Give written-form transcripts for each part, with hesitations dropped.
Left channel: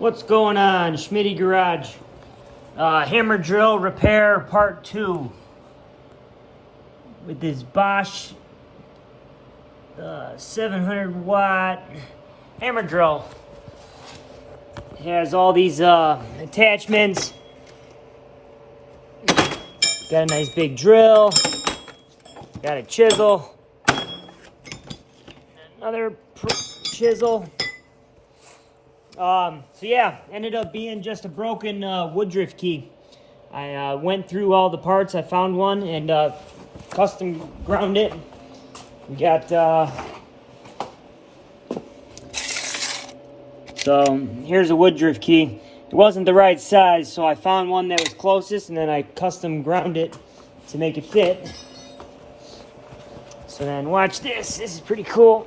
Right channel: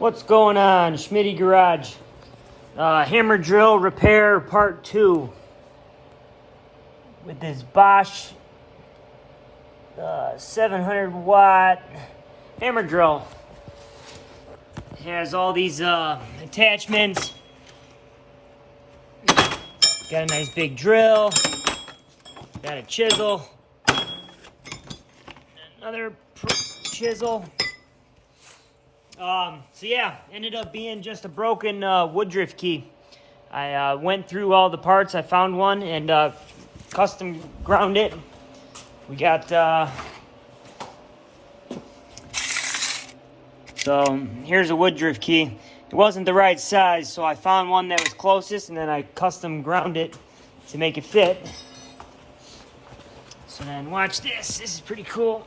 What's going on, Schmitty Garage? Hammer drill repair part 2 with this Bosh 700 watt hammer drill. It has all these attachments. Got a nice big drill. Got a chisel. Another chisel. So yeah, ended up being just a broken woodruff key. I went through all the parts, I found one, and custom ground it. We got, so here's a woodruff key. It wasn't the right size, so I found one that was closest, and then I custom ground it to make it fit. So then watch this, this is pretty cool.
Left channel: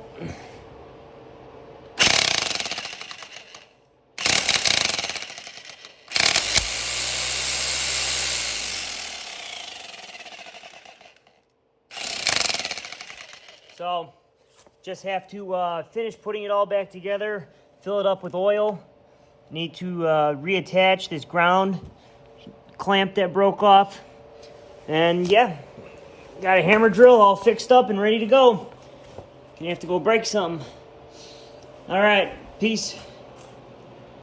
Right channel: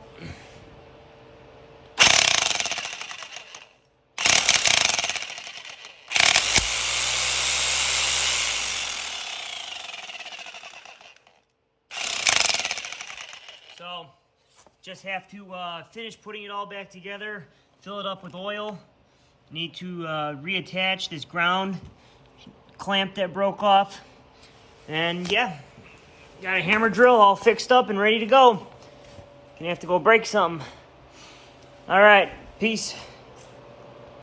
So, just have to finish putting it all back together, fill it up with oil. Need to reattach this ground clamp that broke off. And yeah, got a hammer drill all fixed up and ready to go. Gonna have to go break something. All right, peace.